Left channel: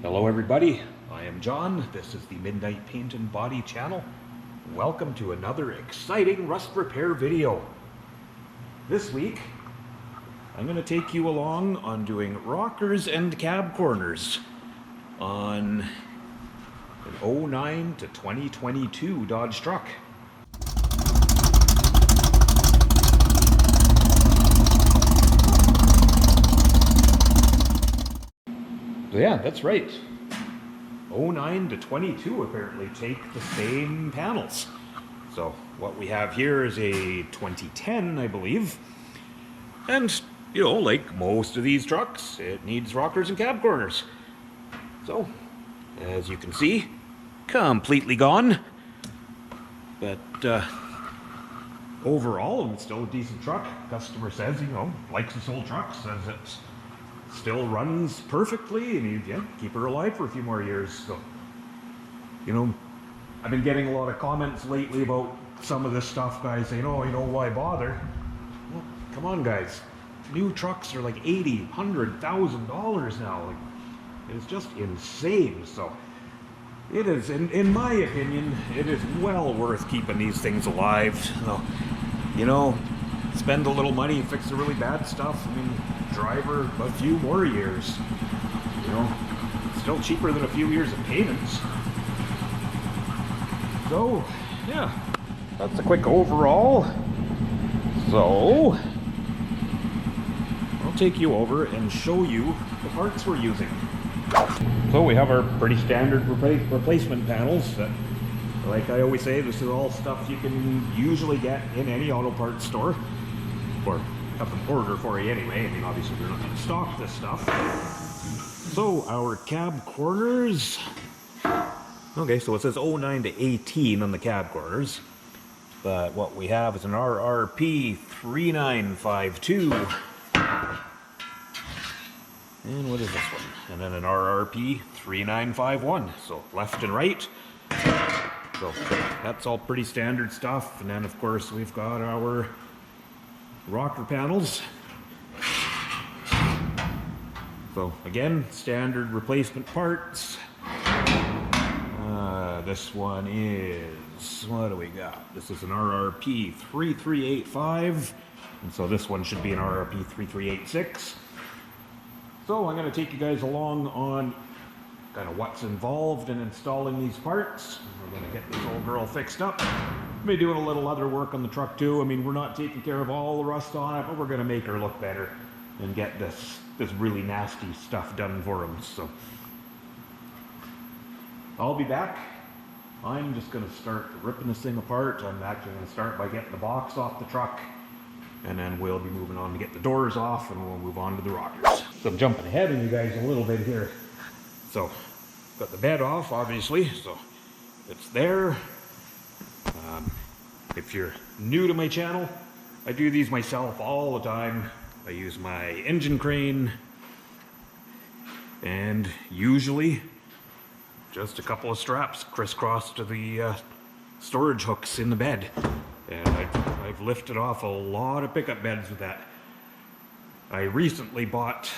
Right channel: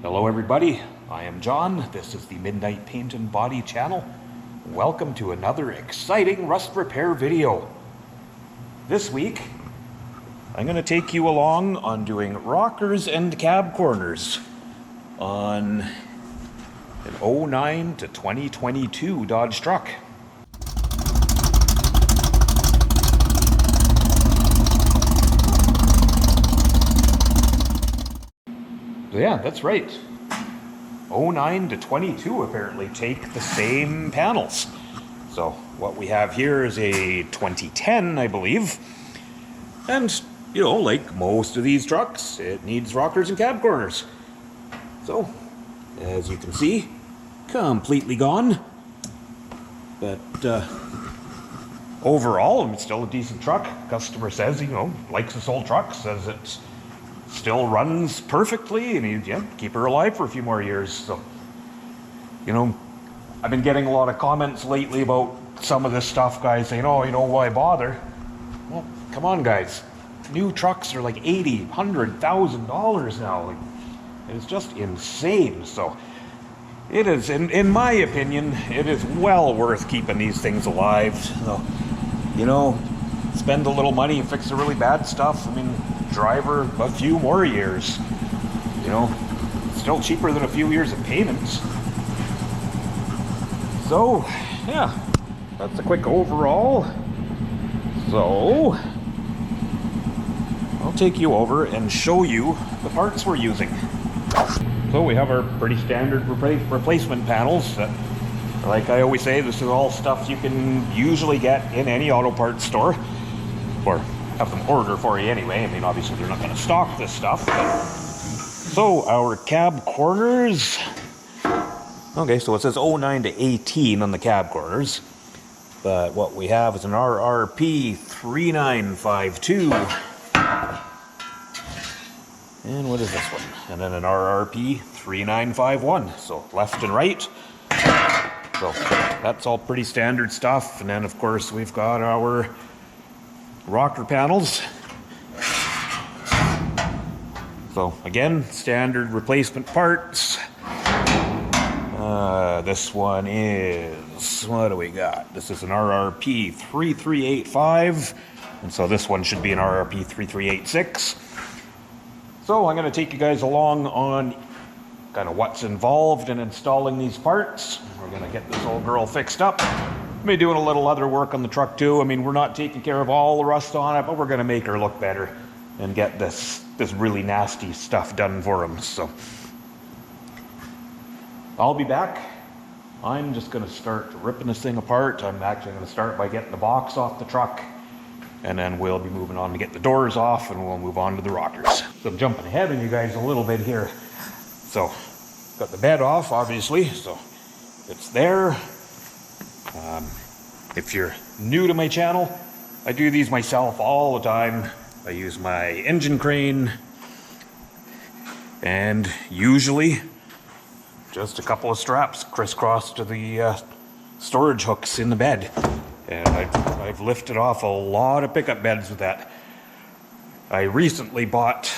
Hello everybody, I am John. This is the Midnight Paint and Body channel. Welcome to another exciting rust repair video. This week, I'm going to take you along on doing rockers and cab corners on an 09 to 2022 Dodge truck. Yeah, that's right. 09 to 22 apparently take the same panels. So what we have here is a 2010, I believe. And, you know, like most of these trucks, it needs rockers and cab corners. So, as you can see, completely gone. But overall, it's still a decent truck. Customer says, you know, likes this old truck, says it's still runs perfectly, and yeah, keep her alive for a few more years. So, you know, I've been getting a lot of comments lately about some of this stuff, guys saying, oh, you know, why bother? Well, come on, guys. New trucks are like $80,000, $100,000 now. Like, it's just insane. So, it is, in my opinion, it is well worth keeping these things alive. So, you know, spend a little money and fix the really bad stuff. I mean, drive her a few more years. You know, still cheaper than a few years of payments. So, yeah, that's a quick overall. So, I'll take you over and show you the parts we're using. So we have our pretty standard replacement panels that, like I always say, this is all stuff you can usually get in any auto parts store, or have them order for you anyway. I mean, obviously they're not going to stock this stuff. So our cab corners. Okay, so it says 09 to 18 on the cab corners, but what we have is an RRP 3952. And what is this one? And then an RRP 3951. So left and right. So that's all pretty standard stuff. And then of course we've got our rocker panels. So again, standard replacement parts. This one is, what do we got? This is an RRP 3385, and so this one should be an RRP 3386. So I'm going to take you guys along on kind of what's involved in installing these parts. We're going to get this old girl fixed up. Maybe doing a little other work on the truck too. I mean, we're not taking care of all the rust on it, but we're going to make her look better and get this really nasty stuff done for him. So I'll be back. I'm just going to start ripping this thing apart. I'm actually going to start by getting the box off the truck, and then we'll be moving on to get the doors off, and we'll move on to the rockers. So I'm jumping ahead of you guys a little bit here. So got the bed off, obviously, so it's there. If you're new to my channel, I do these myself all the time. I use my engine crane and usually just a couple of straps crisscrossed to the storage hooks in the bed. And I've lifted off a lot of pickup beds with that. I recently bought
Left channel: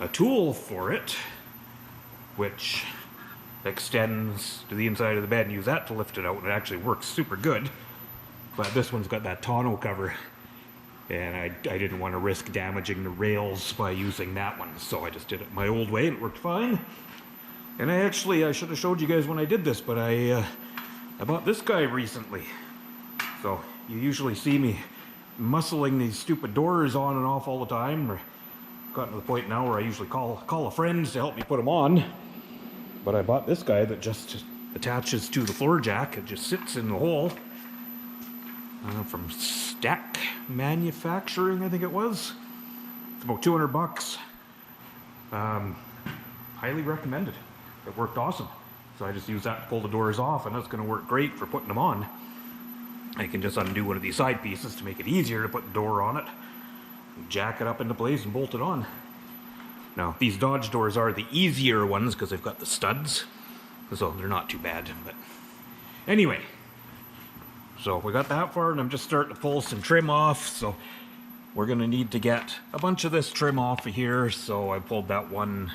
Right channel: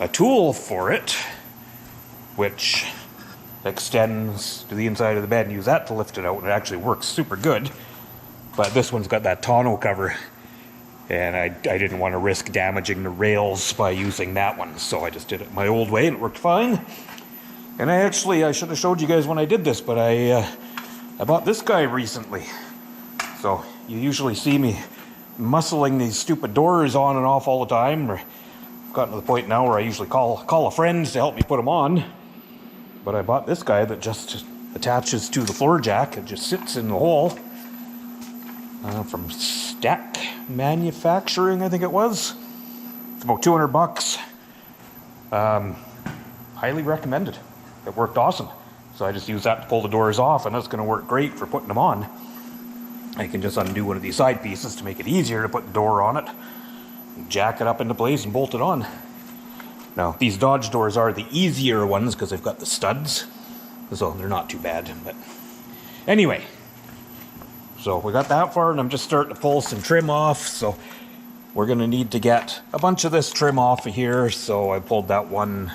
a tool for it, which extends to the inside of the bed, and use that to lift it out, and it actually works super good. But this one's got that tonneau cover, and I didn't want to risk damaging the rails by using that one, so I just did it my old way and it worked fine. And I should have showed you guys when I did this, but I bought this guy recently. So you usually see me muscling these stupid doors on and off all the time, or I've gotten to the point now where I usually call a friend to help me put them on. But I bought this guy that just attaches to the floor jack. It just sits in the hole. From Stack Manufacturing, I think it was. It's about $200. Highly recommended. It worked awesome. So I just use that to pull the doors off, and that's going to work great for putting them on. I can just undo one of these side pieces to make it easier to put the door on it, jack it up into place, and bolt it on. Now, these Dodge doors are the easier ones because they've got the studs, so they're not too bad. But anyway, so we got that far, and I'm just starting to pull some trim off. So we're going to need to get a bunch of this trim off of here. So I pulled that one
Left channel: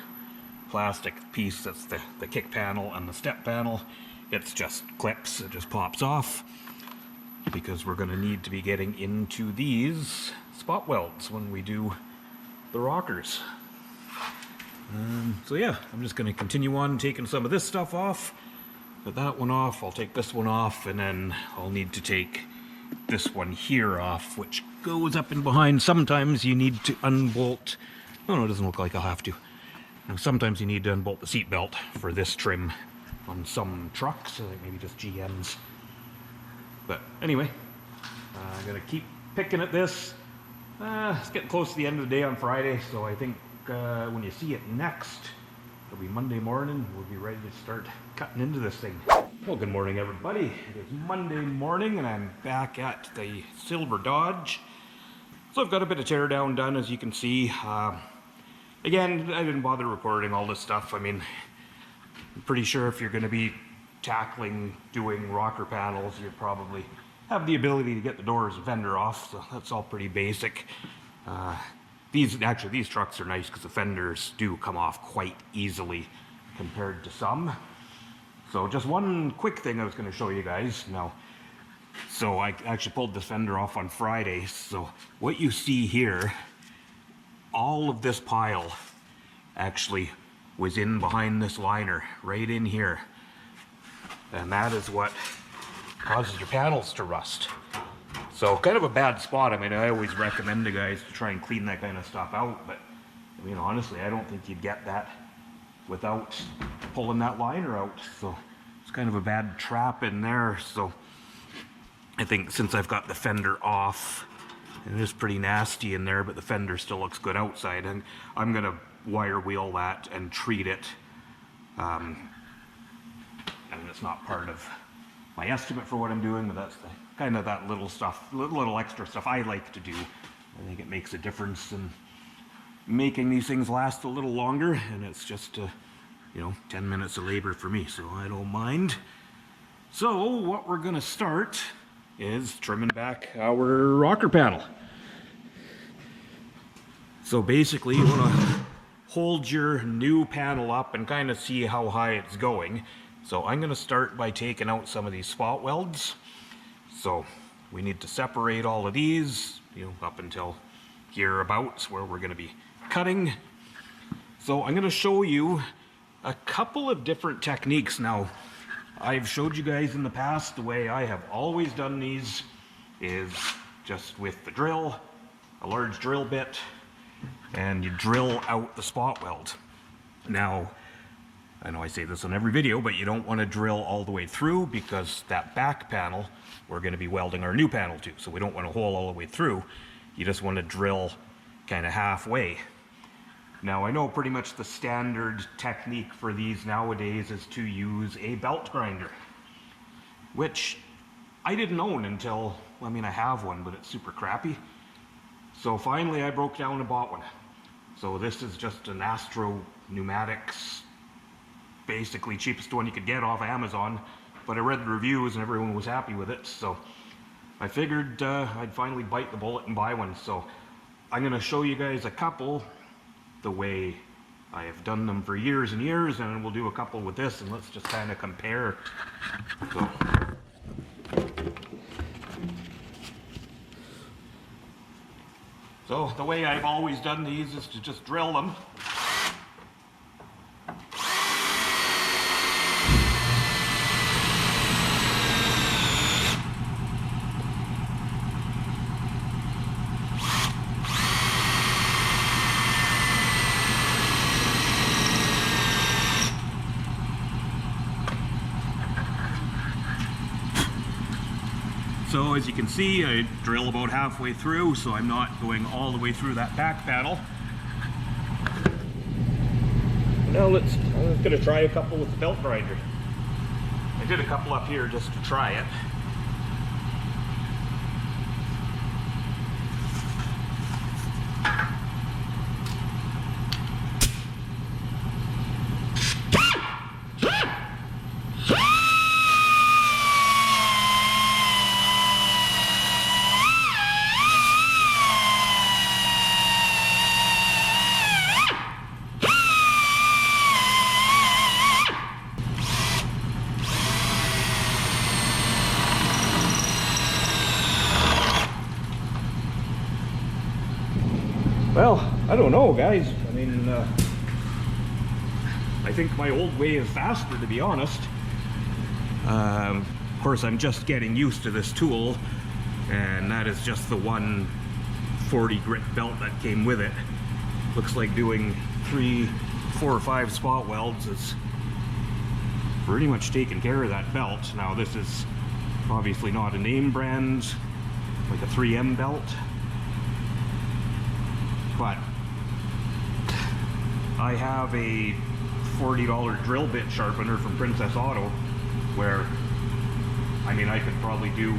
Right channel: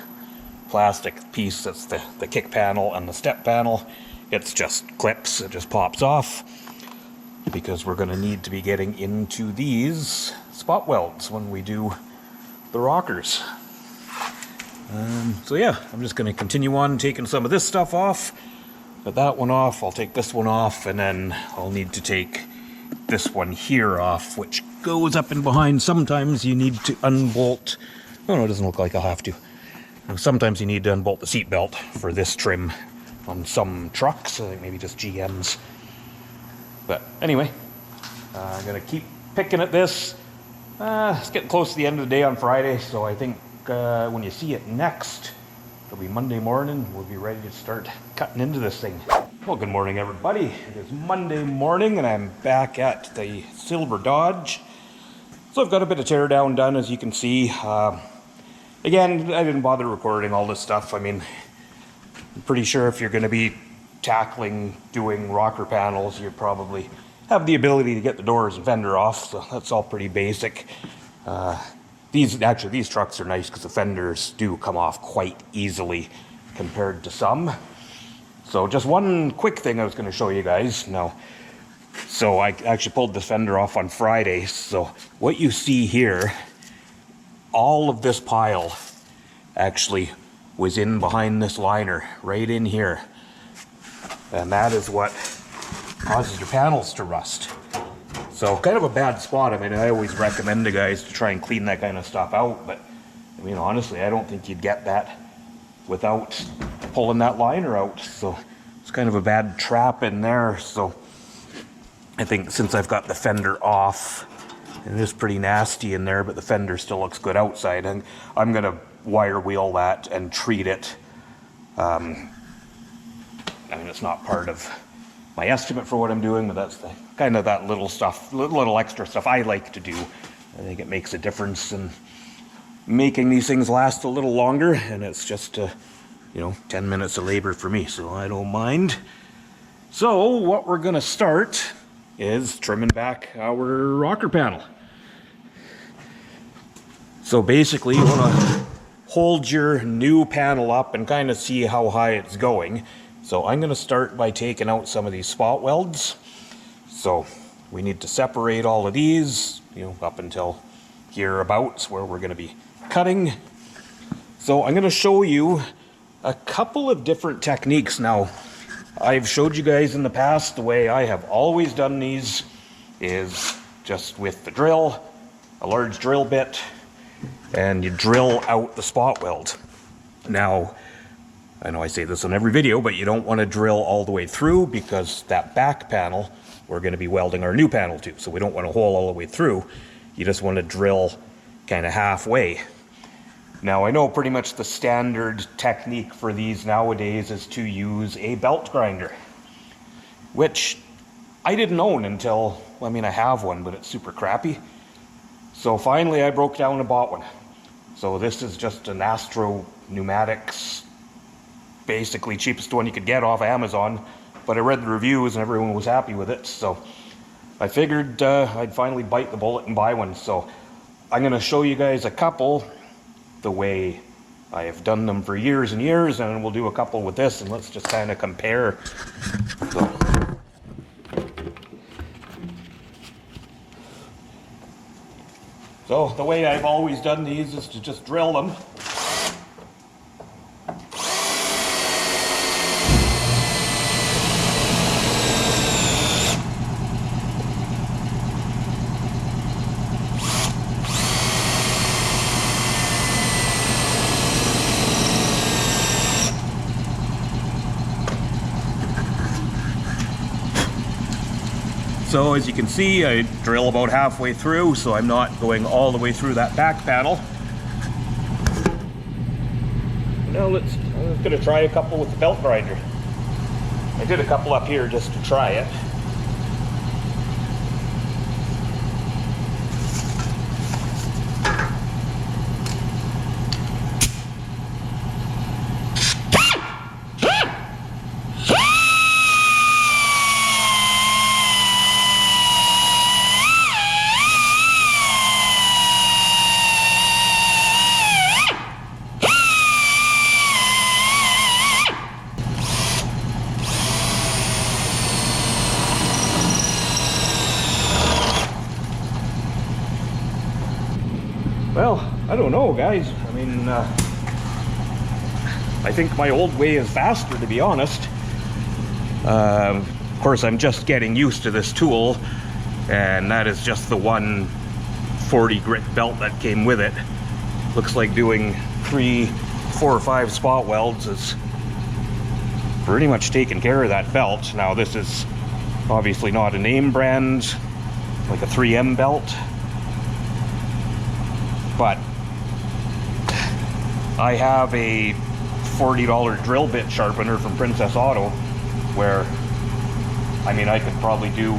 plastic piece that's the kick panel and the step panel. It's just clips, it just pops off, because we're going to need to be getting into these spot welds when we do the rockers. So yeah, I'm just going to continue on taking some of this stuff off. Put that one off, I'll take this one off, and then I'll need to take this one here off, which goes up and behind. Sometimes you need to unbolt. Oh no, it doesn't look like I'll have to. Sometimes you need to unbolt the seat belt for this trim on some trucks, I think maybe just GMs. But anyway, I'm going to keep picking at this. It's getting close to the end of the day on Friday, so I think when you see it next, it'll be Monday morning. We'll be ready to start cutting into this thing. Well, good morning, everybody. It is Monday morning, and I'm back at the Silver Dodge. So I've got a bit of teardown done, as you can see. Again, I didn't bother recording all this stuff. I mean, I'm pretty sure if you're going to be tackling doing rocker panels, you probably have the ability to get the doors and fender off, so that's all pretty basic. These trucks are nice because the fenders do come off quite easily compared to some. So just one quick thing I was going to show you guys now. So I actually pulled the fender off on Friday. So what you see here, all of this pile actually was in behind this liner, right in here. And that is what causes your panels to rust. So kind of a bad spot. I mean, I always recommend to guys to try and clean that kind of stuff out, but I mean, honestly, I don't think you'd get that without pulling that liner out. So it's kind of a bad trap in there. So I think since I've got the fender off, it is pretty nasty in there, but the fender still looks good outside, and I'm gonna wire wheel that and treat it. I mean, it's not part of my estimate for what I'm doing, but that's the kind of that little stuff, little extra stuff I like to do. I think it makes a difference in making these things last a little longer, and it's just 10 minutes of labor for me, so I don't mind. So what we're gonna start is trimming back our rocker panel. So basically you want to hold your new panel up and kind of see how high it's going. So I'm going to start by taking out some of these spot welds. So we need to separate all of these, up until hereabouts where we're going to be cutting. So I'm going to show you a couple of different techniques. Now, I've showed you guys in the past the way I have always done these is just with the drill, a large drill bit, and you drill out the spot weld. Now, I know I say this on every video, but you don't want to drill all the way through, because that back panel we're going to be welding our new panel to, so we don't want to hole all the way through. You just want to drill kind of halfway. Now, I know pretty much the standard technique for these nowadays is to use a belt grinder, which I didn't own until, I mean, I have one, but it's super crappy. So finally I broke down and bought one. So this is just an Astro Pneumatics, basically cheapest one you could get off Amazon, but I read the reviews and everyone was happy with it, so I figured I'd finally bite the bullet and buy one. So I'm going to show you guys a couple the way I have done them for years and years, and we'll do a couple with this, and let's just kind of compare. So the way I've always done these is to just drill them. So as you can see, I drill about halfway through, so I'm not going all the way through that back panel. Now I'm going to try a couple with the belt grinder. I did a couple up here just to try it. I don't know, guys. I mean, I think my old way is faster, to be honest. Of course, I'm just getting used to this tool, and that is just the 140 grit belt that came with it. Looks like doing 3, 4, or 5 spot welds is pretty much taking care of that belt. Now, this is obviously not a name brand, like a 3M belt, but I have a $40 drill bit sharpener from Princess Auto, where, I mean, I could probably do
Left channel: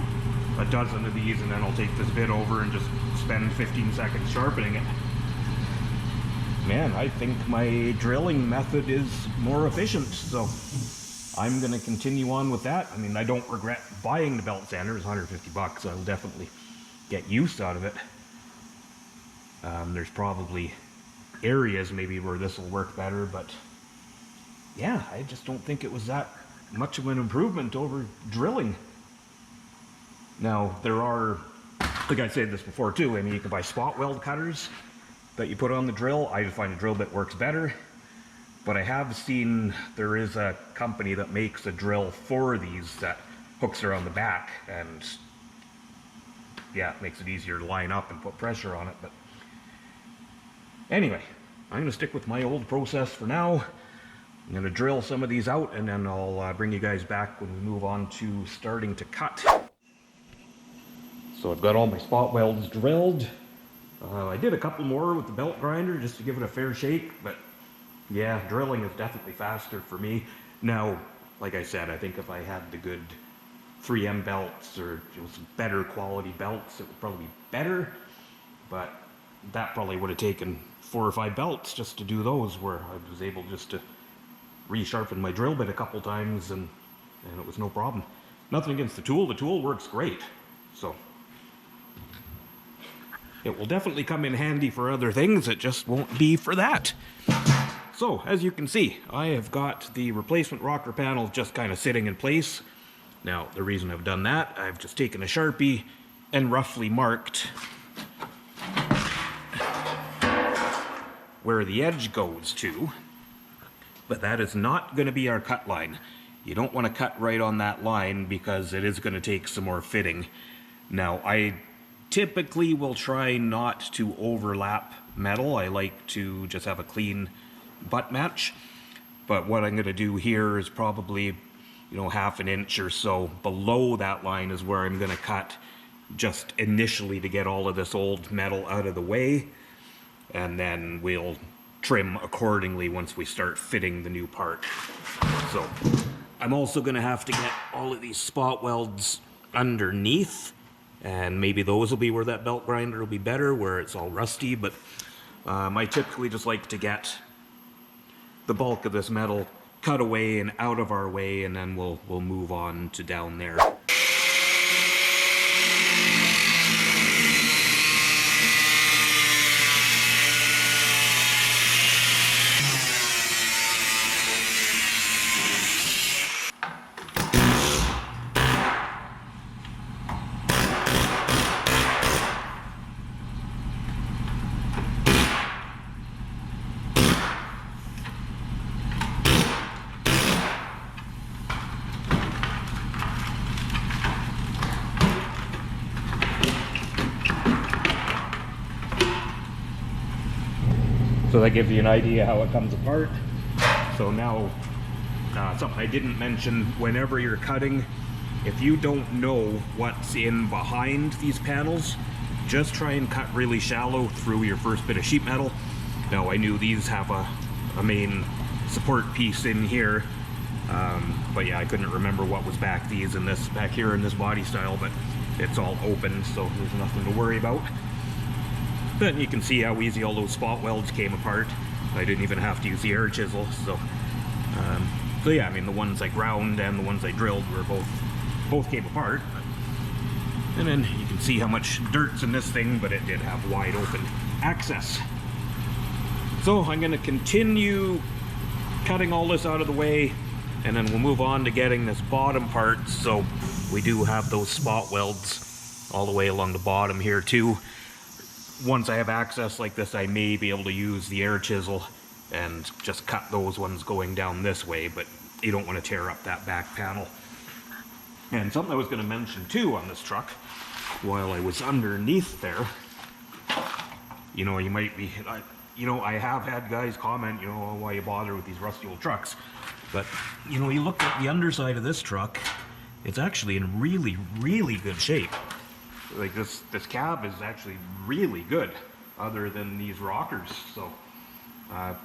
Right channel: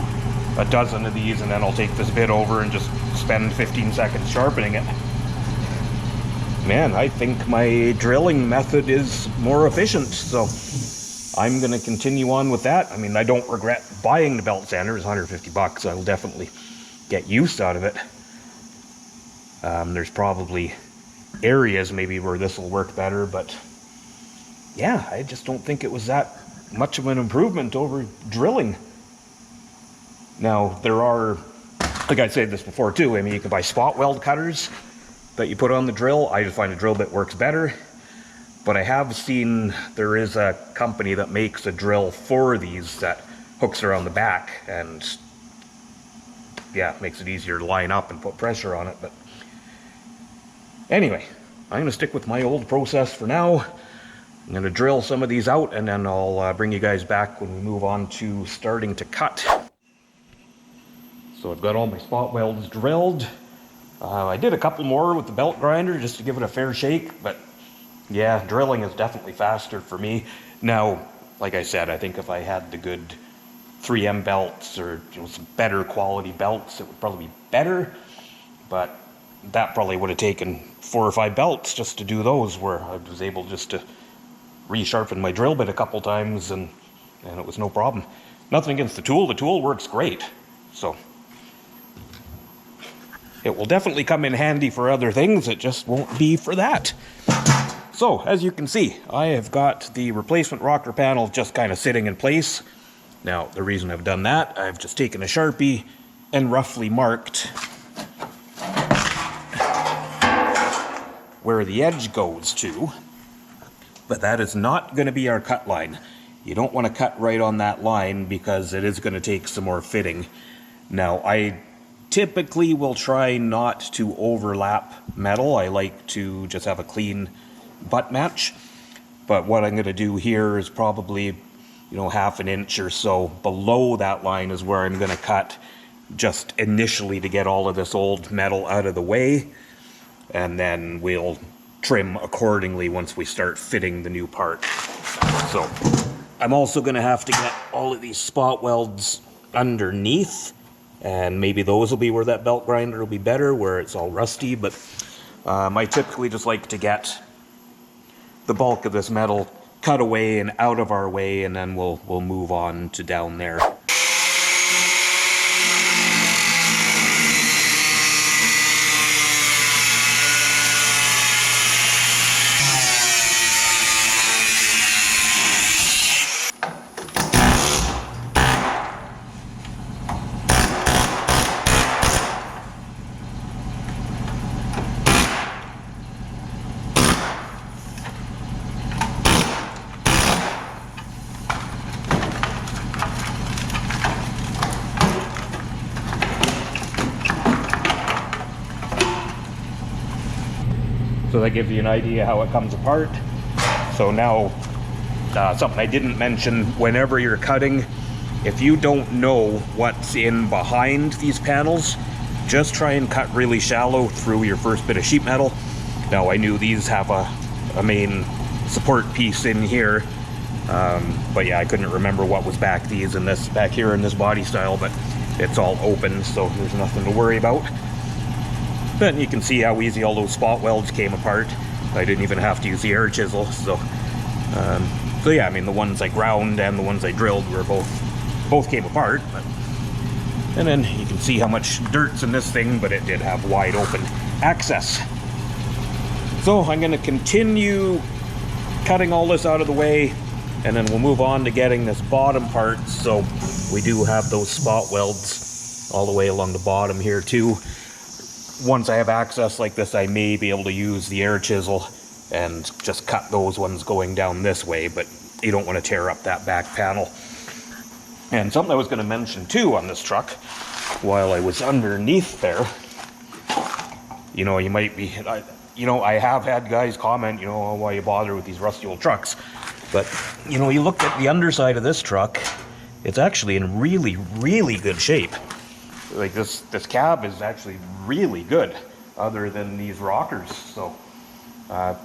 a dozen of these, and then I'll take this bit over and just spend 15 seconds sharpening it. Man, I think my drilling method is more efficient, so I'm gonna continue on with that. I mean, I don't regret buying the belt sander. It's 150 bucks. I'll definitely get use out of it. There's probably areas maybe where this will work better, but yeah, I just don't think it was that much of an improvement over drilling. Now, there are, like I said this before too, I mean, you can buy spot weld cutters that you put on the drill. I just find a drill bit works better, but I have seen there is a company that makes a drill for these that hooks around the back, and yeah, makes it easier to line up and put pressure on it. But anyway, I'm gonna stick with my old process for now. I'm gonna drill some of these out, and then I'll bring you guys back when we move on to starting to cut. So I've got all my spot welds drilled. I did a couple more with the belt grinder just to give it a fair shake, but yeah, drilling is definitely faster for me. Now, like I said, I think if I had the good 3M belts, or some better quality belts, it would probably be better, but that probably would have taken 4 or 5 belts just to do those, where I was able just to resharpen my drill bit a couple times, and it was no problem. Nothing against the tool works great, so it will definitely come in handy for other things. It just won't be for that. So, as you can see, I have got the replacement rocker panel just kind of sitting in place. Now, the reason I've done that, I've just taken a Sharpie and roughly marked where the edge goes to, but that is not going to be our cut line. You don't want to cut right on that line, because it is going to take some more fitting. Now, I typically will try not to overlap metal. I like to just have a clean butt match, but what I'm going to do here is probably, half an inch or so below that line is where I'm going to cut, just initially to get all of this old metal out of the way, and then we'll trim accordingly once we start fitting the new part. So I'm also going to have to get all of these spot welds underneath, and maybe those will be where that belt grinder will be better, where it's all rusty. But I typically just like to get the bulk of this metal cut away and out of our way, and then we'll move on to down there. So that gives you an idea how it comes apart. So now, something I didn't mention, whenever you're cutting, if you don't know what's in behind these panels, just try and cut really shallow through your first bit of sheet metal. Now, I knew these have a main support piece in here, but yeah, I couldn't remember what was back here in this body style, but it's all open, so there's nothing to worry about. But you can see how easy all those spot welds came apart. I didn't even have to use the air chisel, so yeah, I mean, the ones I ground and the ones I drilled were both came apart. And then you can see how much dirt's in this thing, but it did have wide open access. So I'm going to continue cutting all this out of the way, and then we'll move on to getting this bottom part. So we do have those spot welds all the way along the bottom here too. once I have access like this, I may be able to use the air chisel and just cut those ones going down this way, but you don't want to tear up that back panel. And something I was going to mention too on this truck, while I was underneath there, you know, you might be, you know, I have had guys comment, you know, why you bother with these rusty old trucks. But, you know, you look at the underside of this truck, it's actually in really, really good shape. Like this cab is actually really good, other than these rockers. So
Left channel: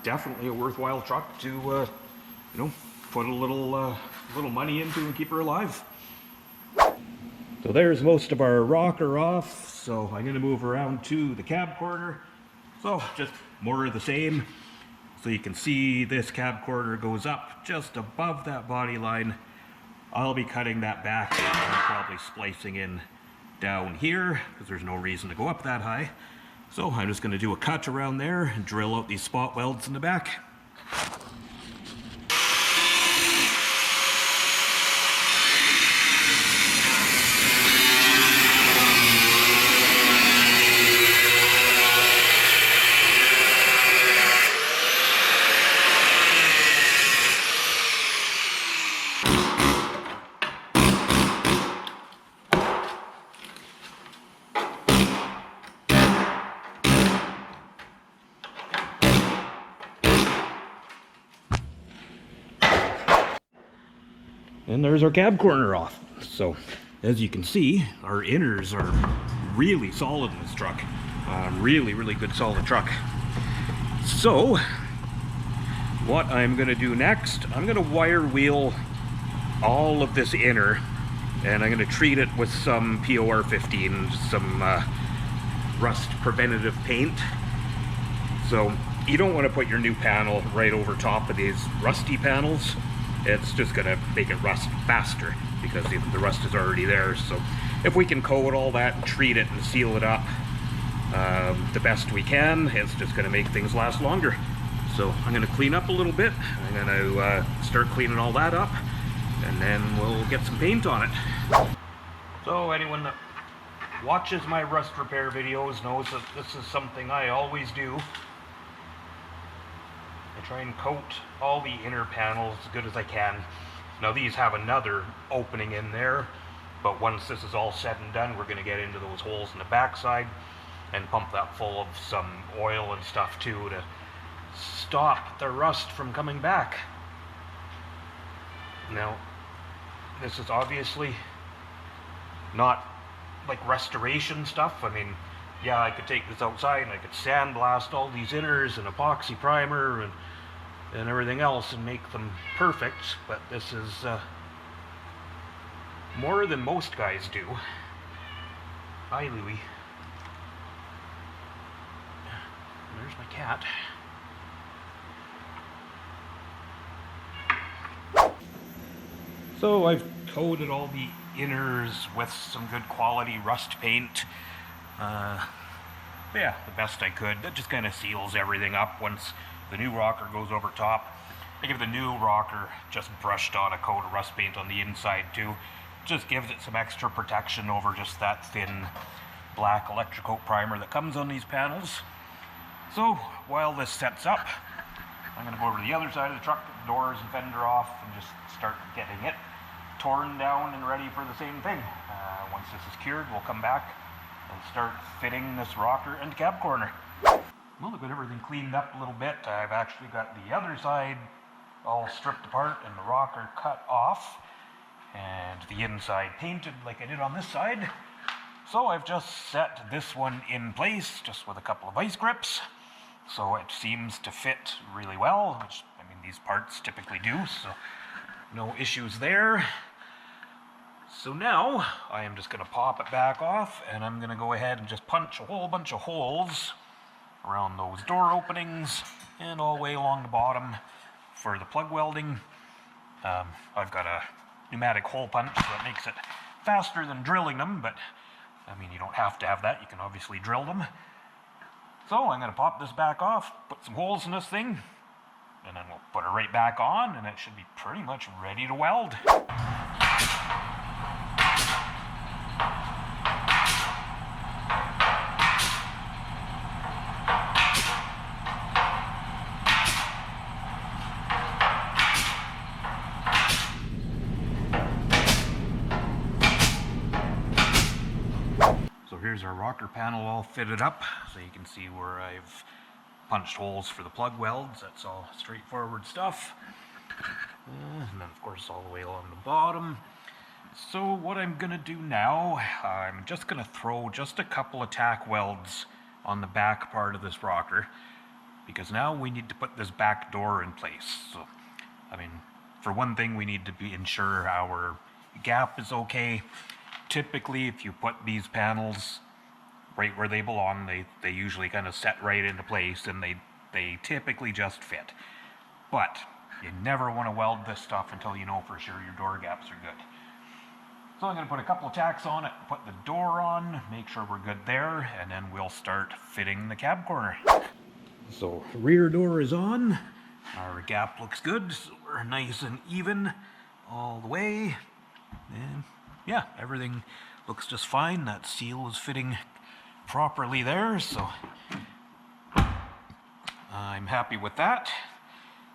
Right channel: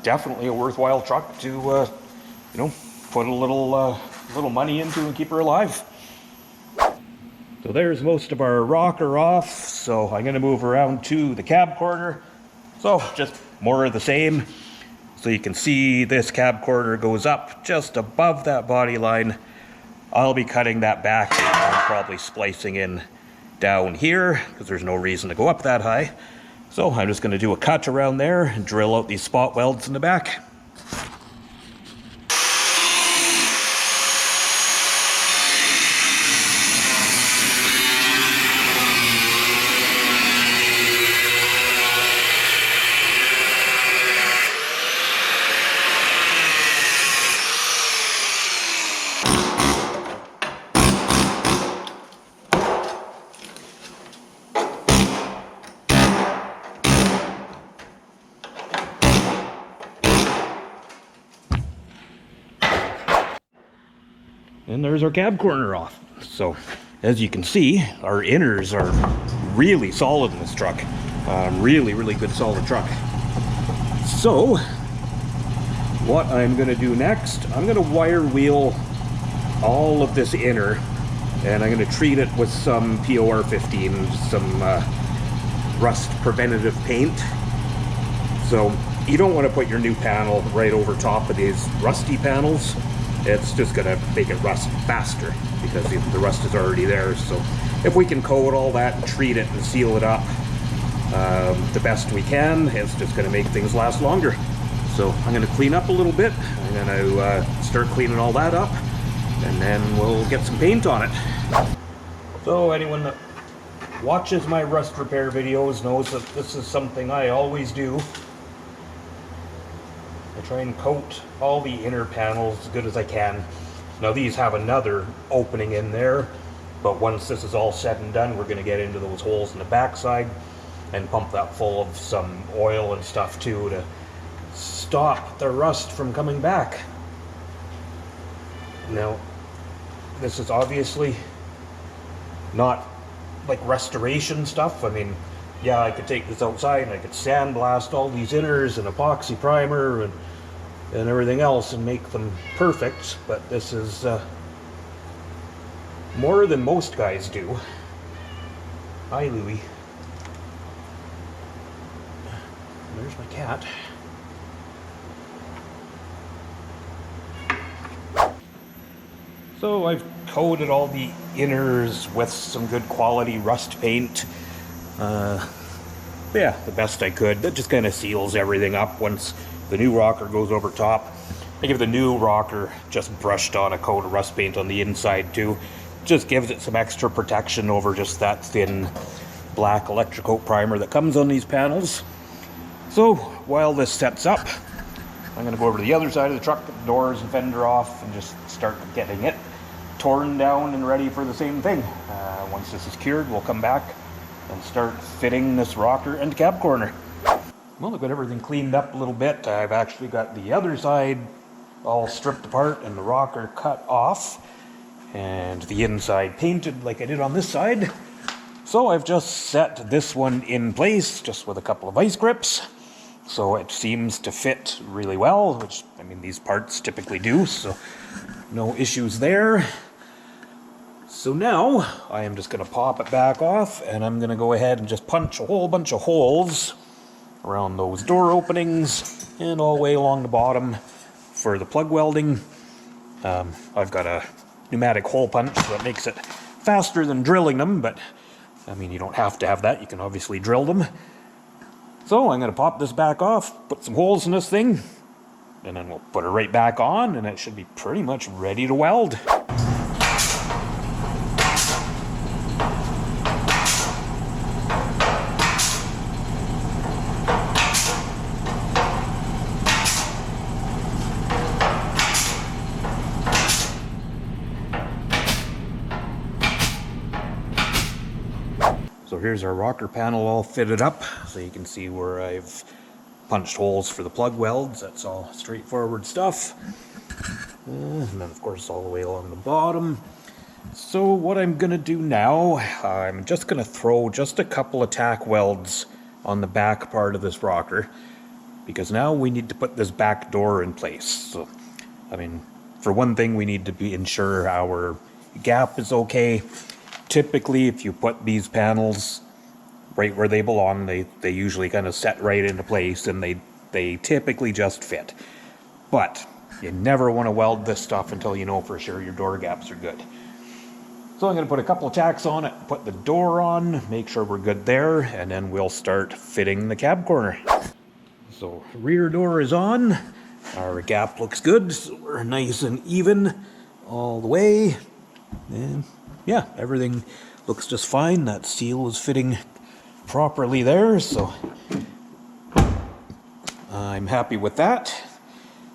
definitely a worthwhile truck to, you know, put a little money into and keep her alive. So there's most of our rocker off, so I'm going to move around to the cab corner. So just more of the same. So you can see this cab corner goes up just above that body line. I'll be cutting that back and I'm probably splicing in down here because there's no reason to go up that high. So I'm just going to do a cut around there and drill out these spot welds in the back. And there's our cab corner off. So as you can see, our inners are really solid in this truck. Really, really good solid truck. So what I'm going to do next, I'm going to wire wheel all of this inner, and I'm going to treat it with some POR15, some rust preventative paint. So you don't want to put your new panel right over top of these rusty panels. It's just going to make it rust faster because the rust is already there. So if we can coat all that and treat it and seal it up the best we can, it's just going to make things last longer. So I'm going to clean up a little bit. I'm going to start cleaning all that up, and then we'll get some paint on it. So anyone that watches my rust repair videos knows that this is something I always do. I try and coat all the inner panels as good as I can. Now these have another opening in there, but once this is all said and done, we're going to get into those holes in the backside and pump that full of some oil and stuff too to stop the rust from coming back. Now this is obviously not like restoration stuff. I mean, yeah, I could take this outside and I could sandblast all these inners and epoxy primer and everything else and make them perfect, but this is more than most guys do. Hi, Louie. There's my cat. So I've coated all the inners with some good quality rust paint. Yeah, the best I could. That just kind of seals everything up once the new rocker goes over top. I give the new rocker just brushed on a coat of rust paint on the inside too. Just gives it some extra protection over just that thin black electrocoat primer that comes on these panels. So while this sets up, I'm going to go over to the other side of the truck, get the doors and fender off, and just start getting it torn down and ready for the same thing. Once this is cured, we'll come back and start fitting this rocker and cab corner. Well, I've got everything cleaned up a little bit. I've actually got the other side all stripped apart and the rocker cut off, and the inside painted like I did on this side. So I've just set this one in place just with a couple of vice grips. So it seems to fit really well, which, I mean, these parts typically do, so no issues there. So now I am just going to pop it back off, and I'm going to go ahead and just punch a whole bunch of holes around those door openings and all the way along the bottom for the plug welding. I've got a pneumatic hole punch, so that makes it faster than drilling them, but I mean, you don't have to have that. You can obviously drill them. So I'm going to pop this back off, put some holes in this thing, and then we'll put it right back on, and it should be pretty much ready to weld. So here's our rocker panel all fitted up. So you can see where I've punched holes for the plug welds. That's all straightforward stuff. And then of course all the way along the bottom. So what I'm gonna do now, I'm just gonna throw just a couple of tack welds on the back part of this rocker, because now we need to put this back door in place. So, I mean, for one thing, we need to ensure our gap is okay. Typically, if you put these panels right where they belong, they usually kind of set right into place, and they typically just fit. But you never want to weld this stuff until you know for sure your door gaps are good. So I'm going to put a couple of tacks on it, put the door on, make sure we're good there, and then we'll start fitting the cab corner. So rear door is on, our gap looks good, so we're nice and even all the way, and yeah, everything looks just fine. That seal is fitting properly there, so I'm happy with that.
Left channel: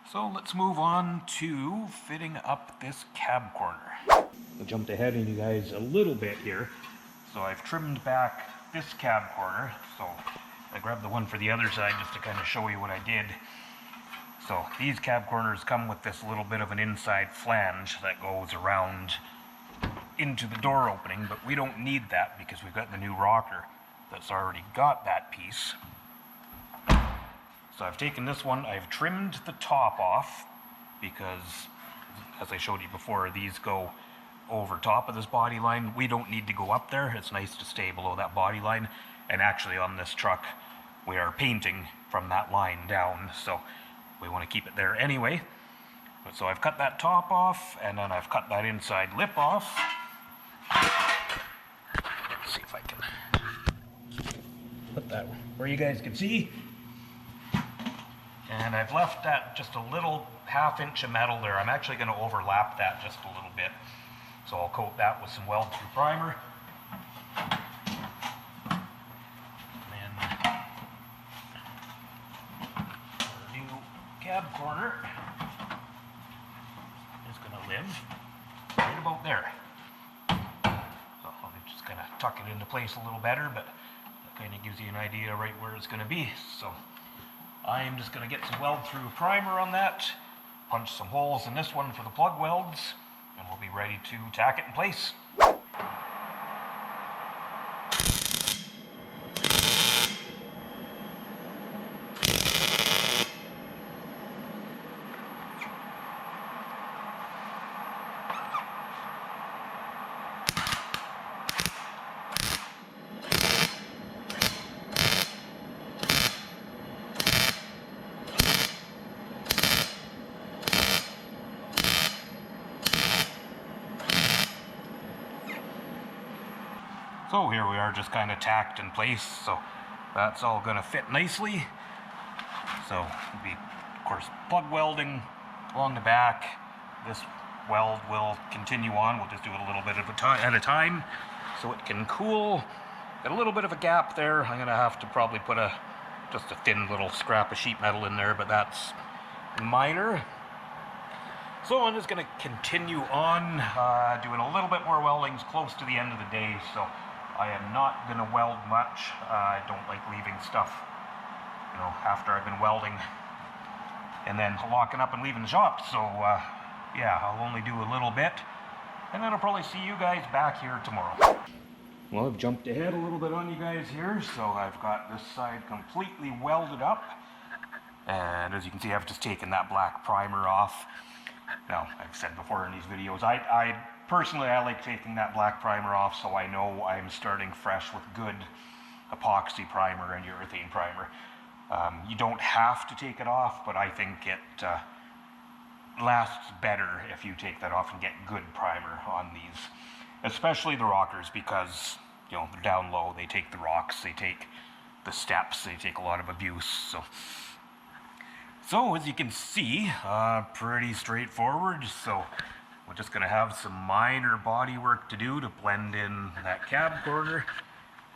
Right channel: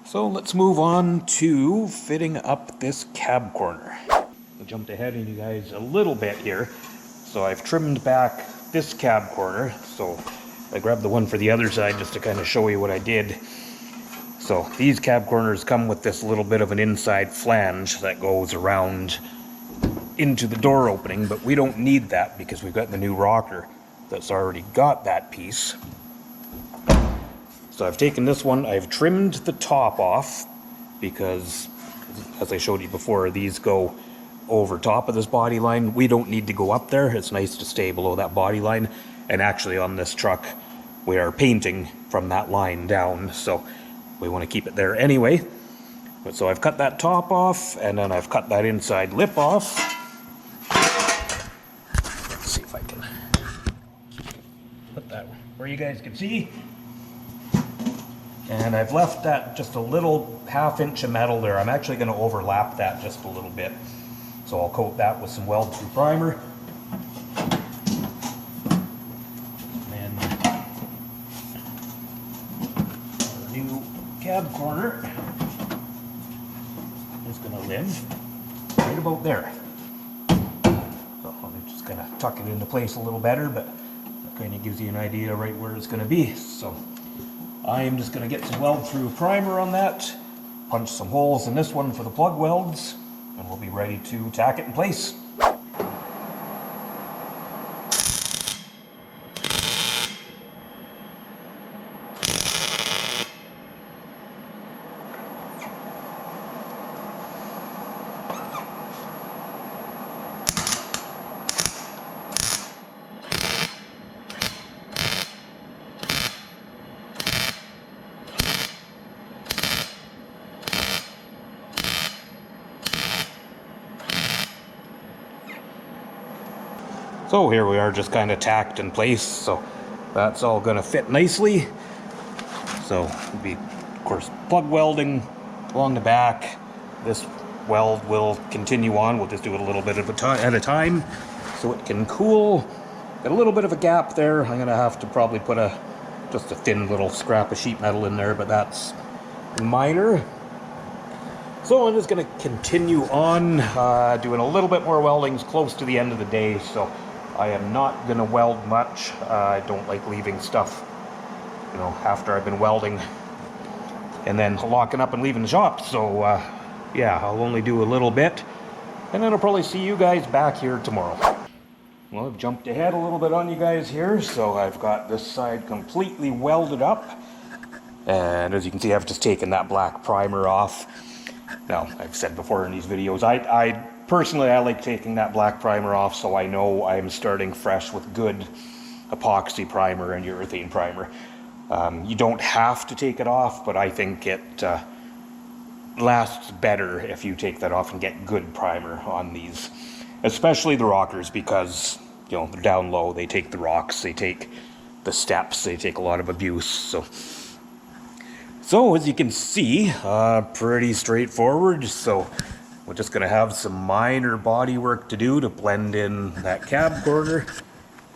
So let's move on to fitting up this cab corner. I jumped ahead of you guys a little bit here. So I've trimmed back this cab corner. So I grabbed the one for the other side just to kind of show you what I did. So these cab corners come with this little bit of an inside flange that goes around into the door opening, but we don't need that because we've got the new rocker that's already got that piece. So I've taken this one, I've trimmed the top off because, as I showed you before, these go over top of this body line. We don't need to go up there. It's nice to stay below that body line. And actually on this truck, we are painting from that line down, so we want to keep it there anyway. But so I've cut that top off, and then I've cut that inside lip off. Let's see if I can put that where you guys can see. And I've left that just a little ½ inch of metal there. I'm actually going to overlap that just a little bit. So I'll coat that with some weld-through primer. And then our new cab corner is going to live right about there. So I'm just going to tuck it into place a little better, but that kind of gives you an idea right where it's going to be. So I am just going to get some weld-through primer on that, punch some holes in this one for the plug welds, and we'll be ready to tack it in place. So here we are, just kind of tacked in place, so that's all going to fit nicely. So it'll be, of course, plug welding along the back. This weld will continue on. We'll just do it a little bit at a time so it can cool. Got a little bit of a gap there. I'm going to have to probably put just a thin little scrap of sheet metal in there, but that's minor. So I'm just going to continue on doing a little bit more weldings close to the end of the day. So I am not going to weld much. I don't like leaving stuff, you know, after I've been welding and then locking up and leaving the shop. So yeah, I'll only do a little bit, and then I'll probably see you guys back here tomorrow. Well, I've jumped ahead a little bit on you guys here. So I've got this side completely welded up, and as you can see, I've just taken that black primer off. Now, I've said before in these videos, I personally like taking that black primer off so I know I'm starting fresh with good epoxy primer and urethane primer. You don't have to take it off, but I think it lasts better if you take that off and get good primer on these, especially the rockers, because, you know, they're down low, they take the rocks, they take the steps, they take a lot of abuse. So as you can see, pretty straightforward. So we're just gonna have some minor body work to do to blend in that cab corner,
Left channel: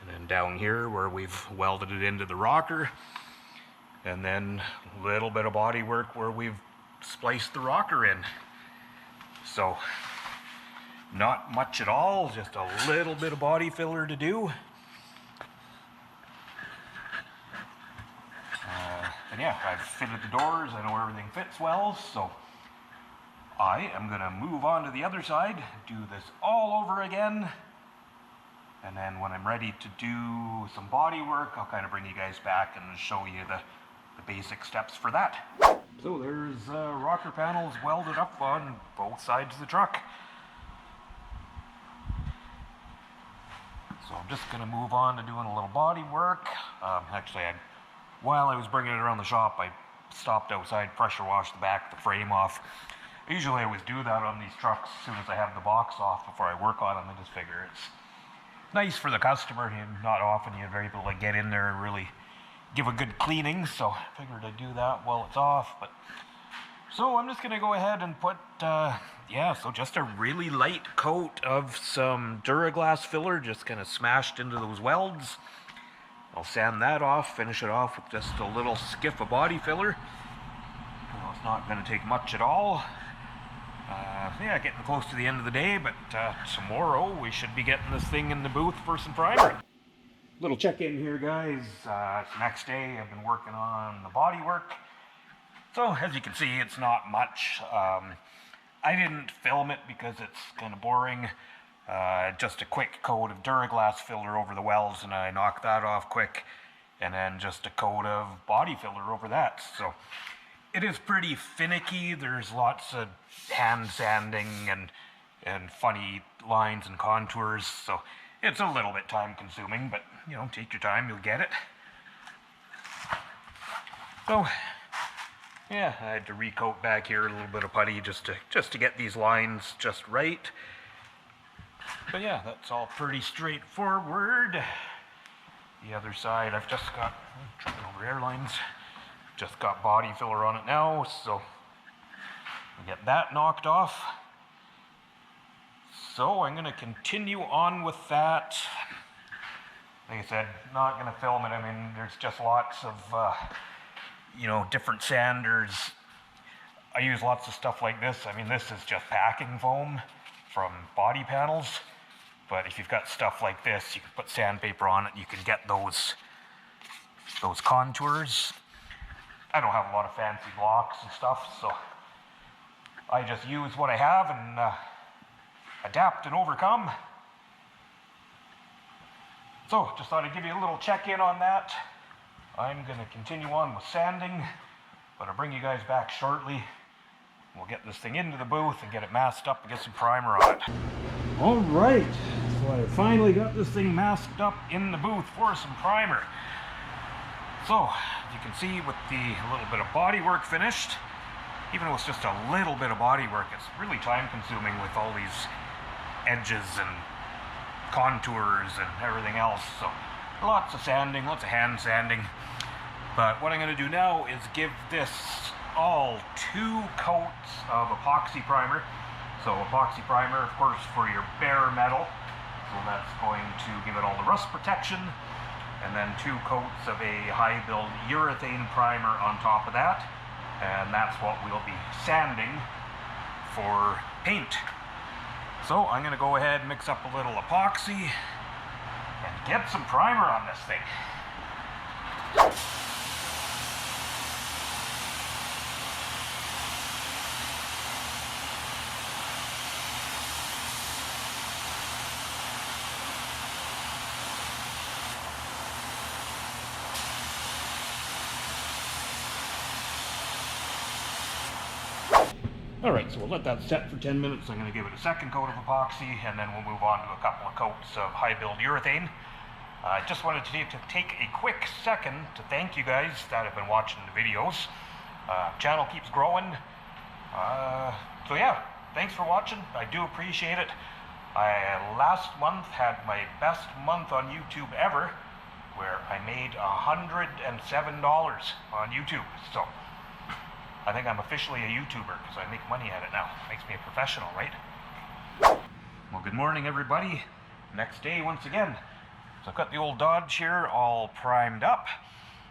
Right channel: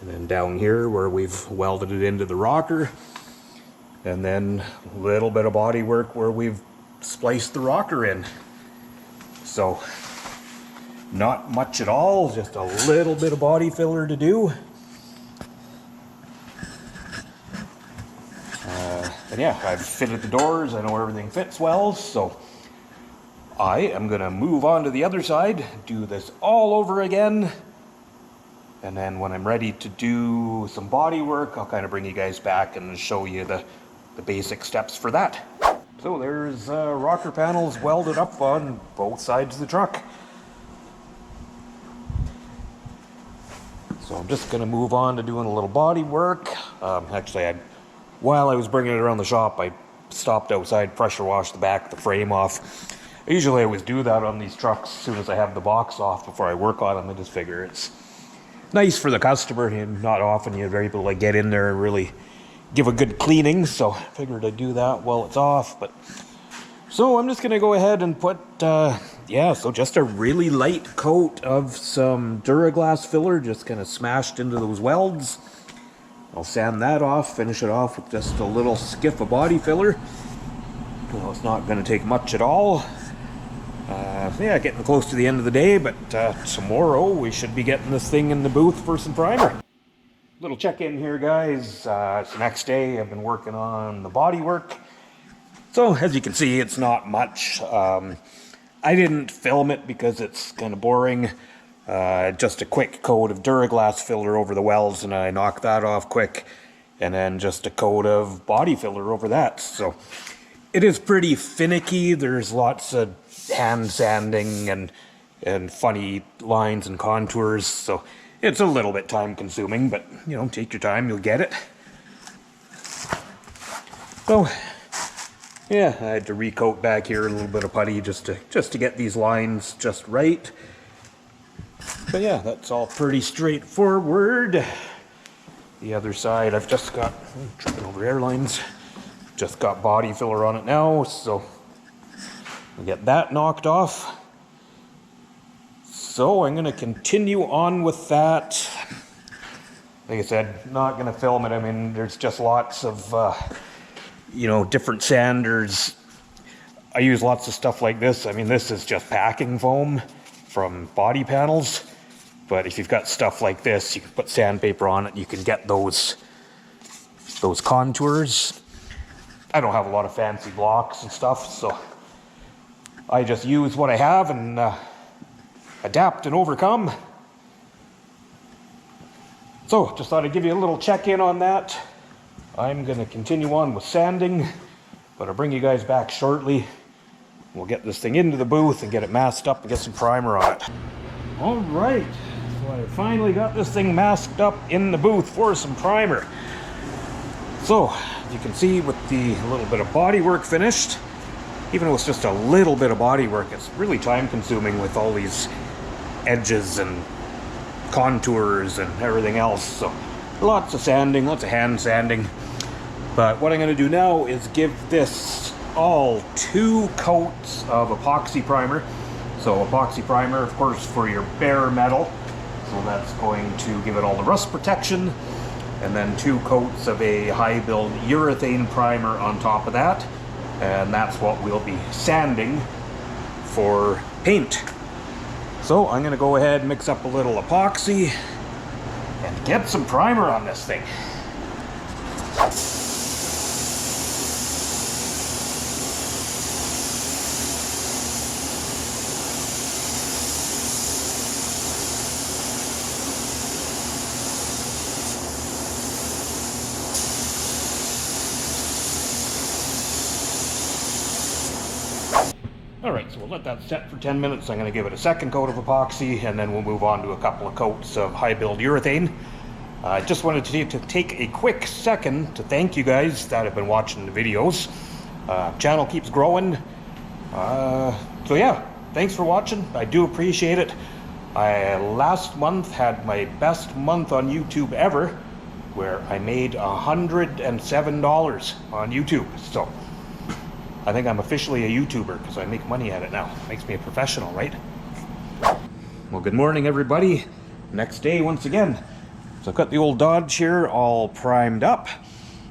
and then down here where we've welded it into the rocker, and then a little bit of body work where we've spliced the rocker in. So not much at all, just a little bit of body filler to do. And yeah, I've fitted the doors, I know everything fits well, so I am gonna move on to the other side, do this all over again, and then when I'm ready to do some body work, I'll kind of bring you guys back and show you the basic steps for that. So there's rocker panels welded up on both sides of the truck. So I'm just gonna move on to doing a little body work. Actually, while I was bringing it around the shop, I stopped outside, pressure washed the back of the frame off. Usually I always do that on these trucks as soon as I have the box off before I work on them. I just figure it's nice for the customer, and not often you're able to get in there and really give a good cleaning, so I figured I'd do that while it's off. But so I'm just gonna go ahead and put so just a really light coat of some Duraglass filler, just kind of smashed into those welds. I'll sand that off, finish it off with just a little skiff of body filler. Well, it's not going to take much at all. Yeah, getting close to the end of the day, but tomorrow we should be getting this thing in the booth for some primer. Little check-in here, guys. It's the next day. I've been working on the body work. So, as you can see, it's not much. I didn't film it because it's kind of boring. Just a quick coat of Duraglass filler over the welds, and I knocked that off quick. And then just a coat of body filler over that. So it is pretty finicky. There's lots of hand sanding and funny lines and contours. So it's a little bit time consuming, but you know, take your time, you'll get it. So yeah, I had to recoat back here a little bit of putty just to get these lines just right. But yeah, that's all pretty straightforward. The other side, I've just got, tripping over airlines, just got body filler on it now, so we'll get that knocked off. So I'm going to continue on with that. Like I said, not going to film it. I mean, there's just lots of, different sanders. I use lots of stuff like this. I mean, this is just packing foam from body panels. But if you've got stuff like this, you can put sandpaper on it. You can get those contours. I don't have a lot of fancy blocks and stuff, so I just use what I have and adapt and overcome. So just thought I'd give you a little check-in on that. I'm going to continue on with sanding, but I'll bring you guys back shortly. We'll get this thing into the booth and get it masked up and get some primer on it. All right, so I finally got this thing masked up in the booth for some primer. So, as you can see, with the little bit of body work finished, even though it's just a little bit of body work, it's really time consuming with all these edges and contours and everything else. So lots of sanding, lots of hand sanding. But what I'm going to do now is give this all 2 coats of epoxy primer. So epoxy primer, of course, for your bare metal. So that's going to give it all the rust protection. And then 2 coats of a high build urethane primer on top of that. And that's what we'll be sanding for paint. So I'm going to go ahead and mix up a little epoxy and get some primer on this thing. Alright, so we'll let that set for 10 minutes. I'm going to give it a second coat of epoxy, and then we'll move on to a couple of coats of high build urethane. I just wanted to take a quick second to thank you guys that have been watching the videos. Channel keeps growing. So yeah, thanks for watching. I do appreciate it. I last month had my best month on YouTube ever, where I made $107 on YouTube. So I think I'm officially a YouTuber because I make money at it now. Makes me a professional, right? Well, good morning, everybody. Next day, once again. So I've got the old Dodge here all primed up.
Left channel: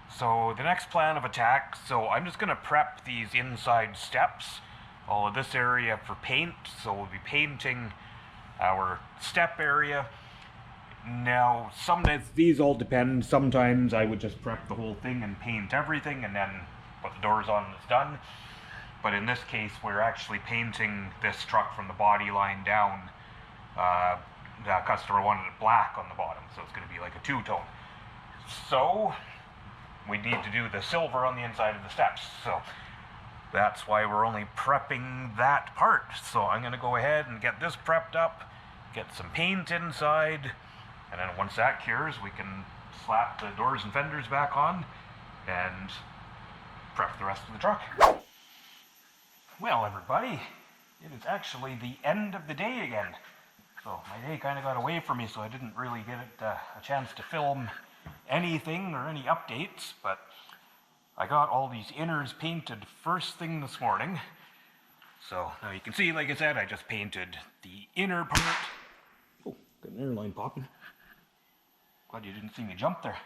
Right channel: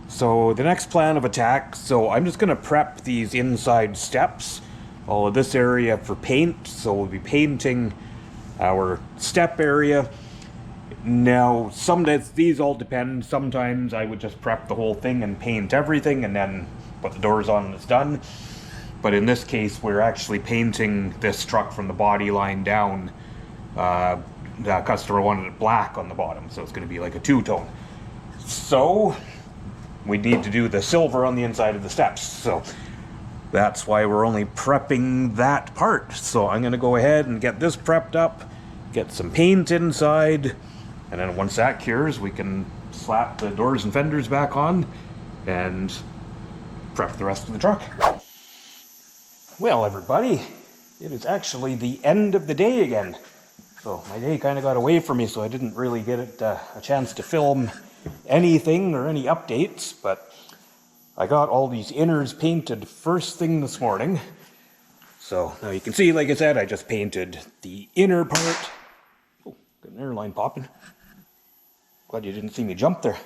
So the next plan of attack, so I'm just going to prep these inside steps, all of this area for paint. So we'll be painting our step area. Now, some days, these all depend. Sometimes I would just prep the whole thing and paint everything and then put the doors on and it's done. But in this case, we're actually painting this truck from the body line down. The customer wanted it black on the bottom, so it's going to be like a two-tone. So we need to do the silver on the inside of the steps. So that's why we're only prepping that part. So I'm going to go ahead and get this prepped up, get some paint inside, and then once that cures, we can slap the doors and fenders back on and prep the rest of the truck. Well, everybody, it is actually the end of the day again. So my day kind of got away from me, so I didn't really get a chance to film anything or any updates, but I got all these inners painted first thing this morning. So now you can see, like I said, I just painted the inner part. Oh, got an airline popping. Glad you didn't see me jump there.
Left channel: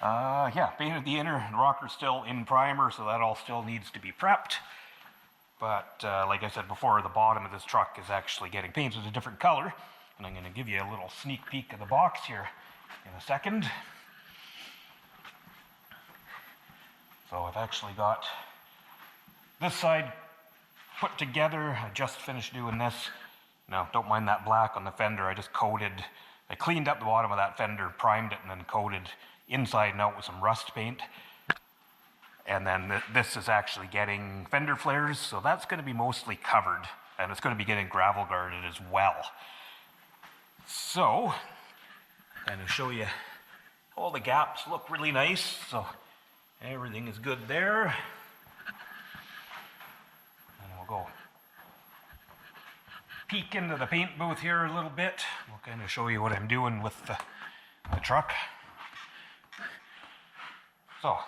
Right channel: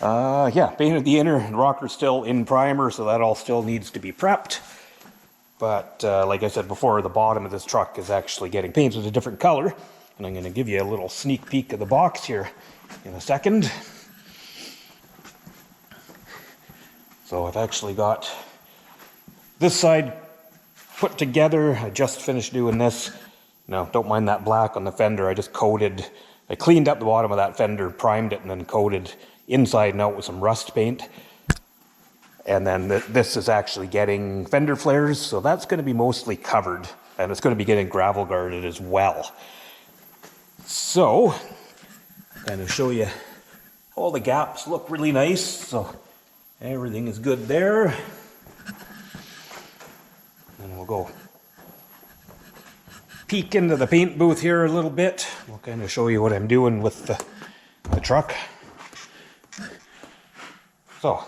Yeah, painted the inner. Rocker's still in primer, so that all still needs to be prepped. But like I said before, the bottom of this truck is actually getting painted a different color. And I'm going to give you a little sneak peek of the box here in a second. So I've actually got this side put together. I just finished doing this. Now, don't mind that black on the fender. I cleaned up the bottom of that fender, primed it, and then coated inside and out with some rust paint. And then this is actually getting fender flares, so that's going to be mostly covered, and it's going to be getting gravel guarded as well. So, kind of show you all the gaps look really nice, so everything is good there. And we'll go peek into the paint booth here a little bit. We'll kind of show you what I'm doing with the truck. So,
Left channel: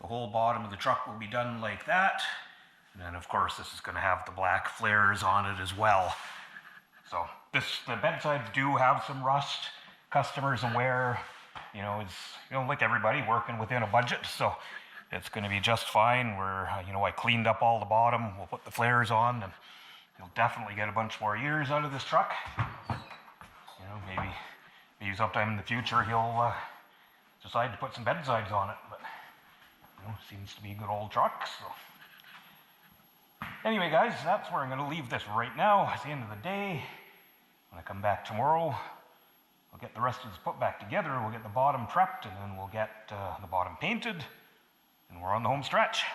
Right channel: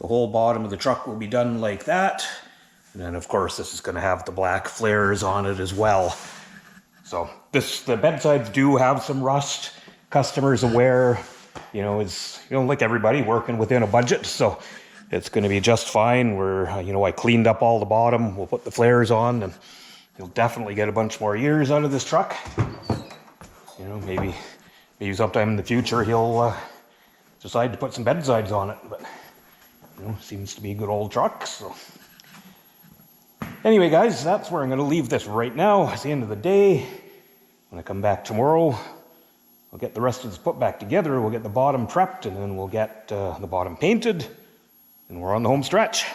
the whole bottom of the truck will be done like that. And then, of course, this is going to have the black flares on it as well. So, the bedsides do have some rust. Customers aware, is, like everybody, working within a budget. So, it's going to be just fine. I cleaned up all the bottom. We'll put the flares on, and you'll definitely get a bunch more years out of this truck. Maybe sometime in the future he'll decide to put some bedsides on it. But seems to be a good old truck. So anyway, guys, that's where I'm going to leave this right now. It's the end of the day. When I come back tomorrow, we'll get the rest of this put back together. We'll get the bottom prepped, and then we'll get the bottom painted, and we're on the home stretch.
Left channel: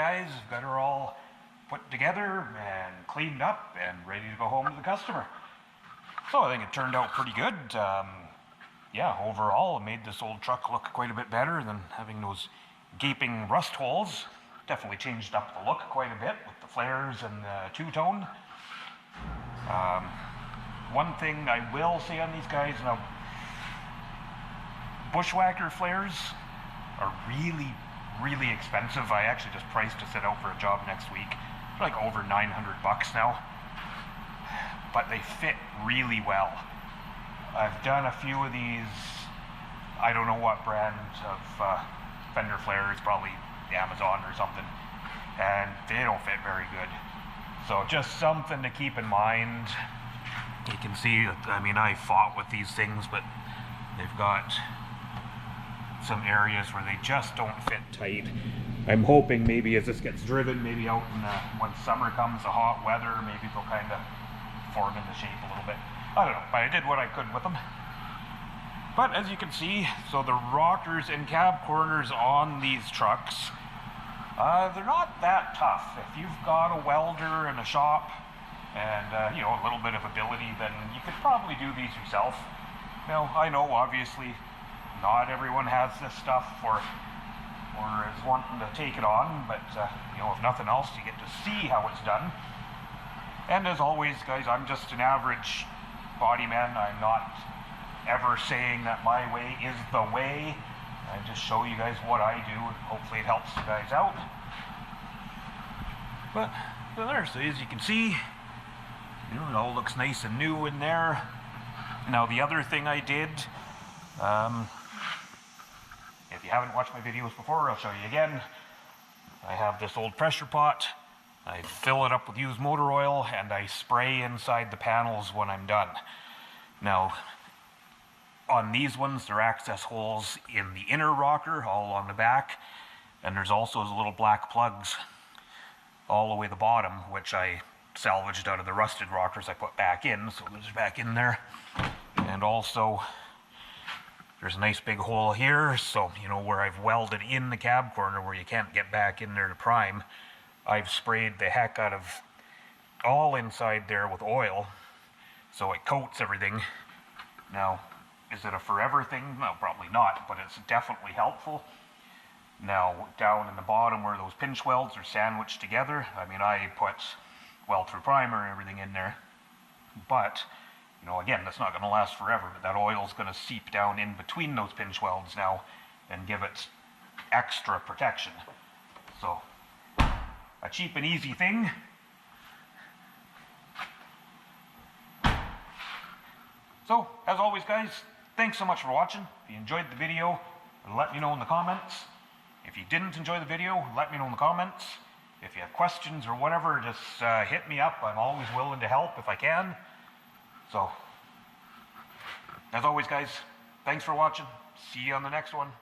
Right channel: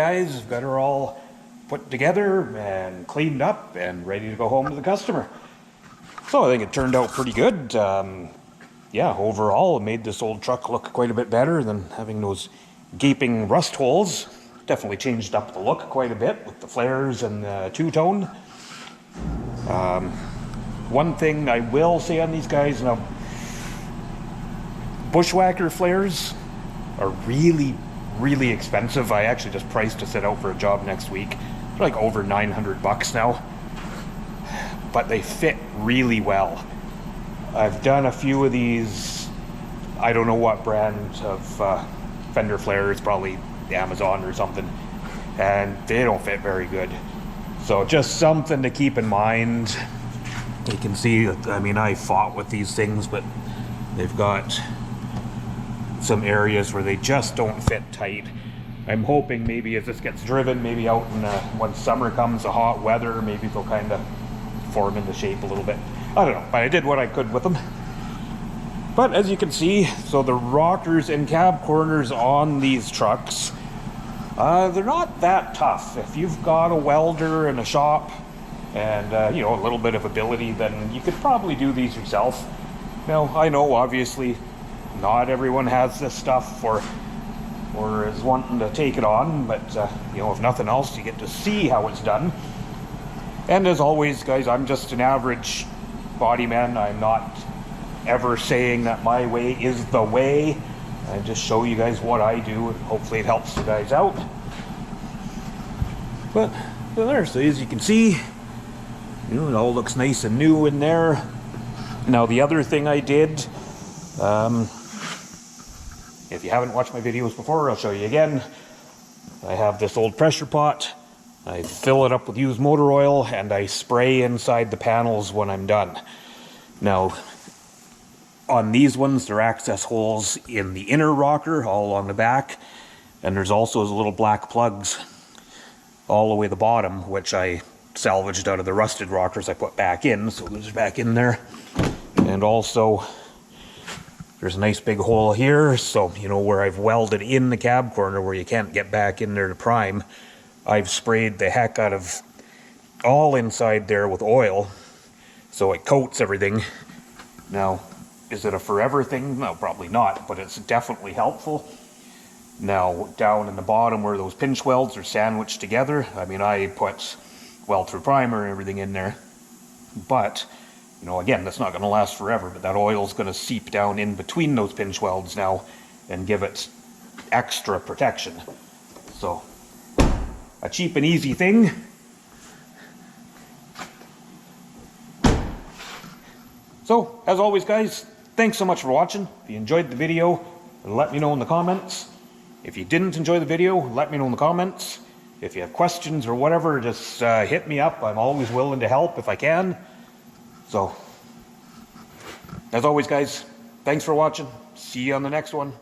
guys. I've got her all put together and cleaned up and ready to go home to the customer. So I think it turned out pretty good. Yeah, overall it made this old truck look quite a bit better than having those gaping rust holes. Definitely changed up the look quite a bit with the flares and the two-tone. One thing I will say on these guys, now, bushwhacker flares are really, really expensive. I actually just priced to set out for a job next week. They're like over 900 bucks now, but they fit really well. I've done a few of these, I don't know what brand of fender flares, probably Amazon or something, and they don't fit very good. So just something to keep in mind. You can see, I mean, I fought with these things, but they've got some areas where they just don't fit tight. I'm hoping maybe as this gets driven, maybe out in when summer comes, the hot weather, maybe they'll kind of form into shape a little bit. I don't know, but I did what I could with them. But as you can see, so the rockers and cab corners on these trucks, they're not that tough. If you've got a welder in a shop and you know, a little bit of ability, then you could probably do these yourself. Now, I know obviously not everyone has this stuff or is wanting to take it on, but you know, if nothing else, you get to see how it's done. And as always, guys, I'm just an average body man. I'm not ever saying that my way is the way. I just show you guys what I do, and hopefully it helps you guys out. But there, so as you can see, you know, it all looks nice and new in there. Now the other thing I did, if you haven't watched my videos before, I'll show you again. I have this old pressure pot. I fill it up with used motor oil and I spray inside the panels when I'm done. Now, on these ones, there are access holes in the inner rocker, all on the back, and there's also those little black plugs all the way to the bottom, which I salvaged out of the rusted rockers I put back in, so those are back in there. And also, there's a nice big hole here, so, you know, where I've welded in the cab corner where you can't get back in there to prime, I've sprayed the heck out of all inside there with oil, so it coats everything. Now, is it a forever thing? No, probably not, but it's definitely helpful. Now, down in the bottom where those pinch welds are sandwiched together, I mean, I put weld-through primer and everything in there, but, you know, again, that's not going to last forever, but that oil's going to seep down in between those pinch welds now and give it extra protection. So, a cheap and easy thing. So, as always, guys, thanks so much for watching. If you enjoyed the video, let me know in the comments. If you didn't enjoy the video, let me know in the comments. If you have questions or whatever, just hit me up. I'm always willing to help if I can. So, as always, guys, thanks for watching. See you on the next one.